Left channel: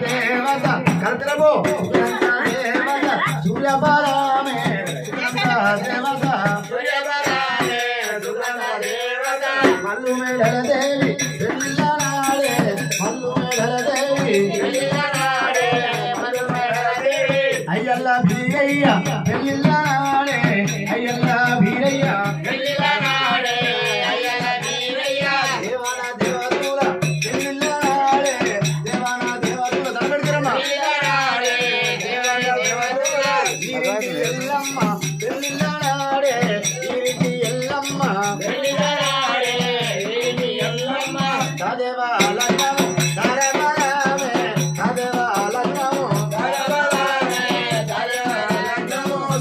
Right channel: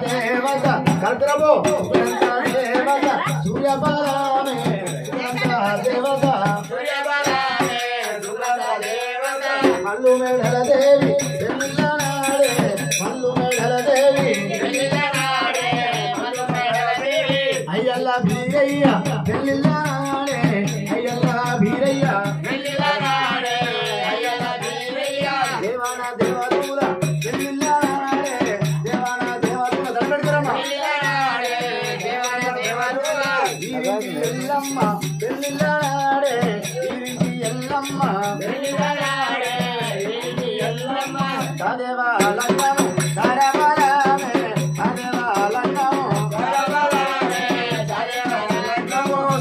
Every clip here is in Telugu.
దేవత కల్పనము దేవత సూర్యపాలమే దేవత మల్లు మేడల దేవి మల్లు మేడల దేవి అయ్యల్ల బీరయ్య పెళ్ళిళ్ళాడే అయ్యల్ల బీరయ్య దేవాన దేవతూల పెళ్ళిళ్ళాడే దేవాన దేవతూల దడబెడతారమ్మా ఎల్లమ్మ పెళ్ళిళ్ళాడే ఈరికి ఎల్లమ్మ దేవాలన్నము దరబలమే దేవాలన్నము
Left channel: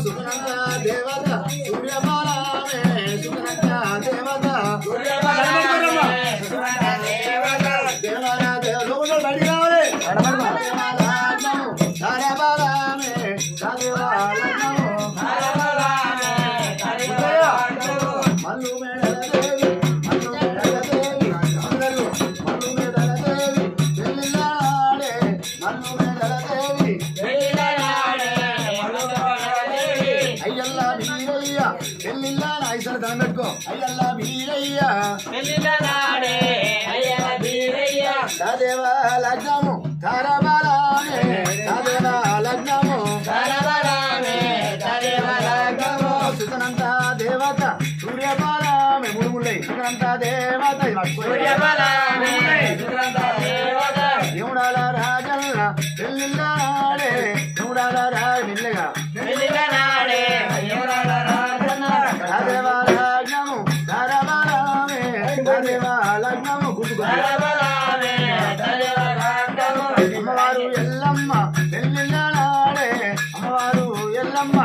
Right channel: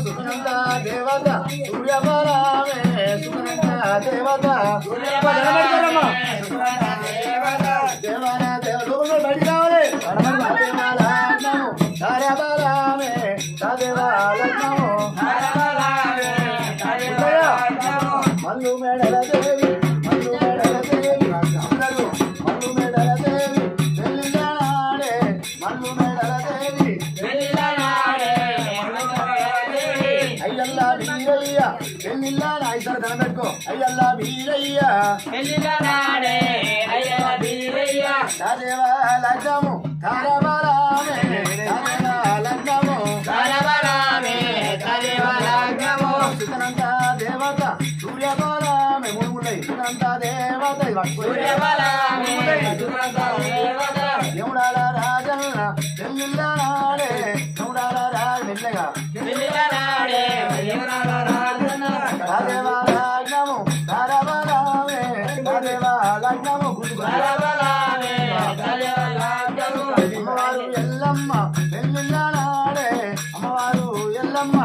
సునంద దేవత సూర్యబలమే సునంద దేవత దేవన దేవుడు బడి కావాలి దేవాలన్నము దరబలమే దేవాలన్నము మల్లు మేడల దేవి మల్లు మేడల దేవి అందరూ మల్లు మేడల దేవి పెళ్ళిళ్ళాడే మల్లు మేడల దేవి అయ్యల్ల బీరయ్య పెళ్ళిళ్ళాడ ఐసారి దండం పెట్టుకో అయ్యల్ల బీరయ్య దేవ లగ్నము తారబలమే దేవ లగ్నము సుతనంత దేవత సూర్యబలమే మూడుముళ్ళై సుతనంత దేవత దేవుడాల రాజన్న పెళ్ళిళ్ళనాడే దేవుడాల రాజ నిల్లగా దేవ లగ్నము తారబలమే దేవ లగ్నము అమ్మవారు ఎల్లమ్మ పెళ్ళిళ్ళనాడే అమ్మవారు ఎల్లమ్మ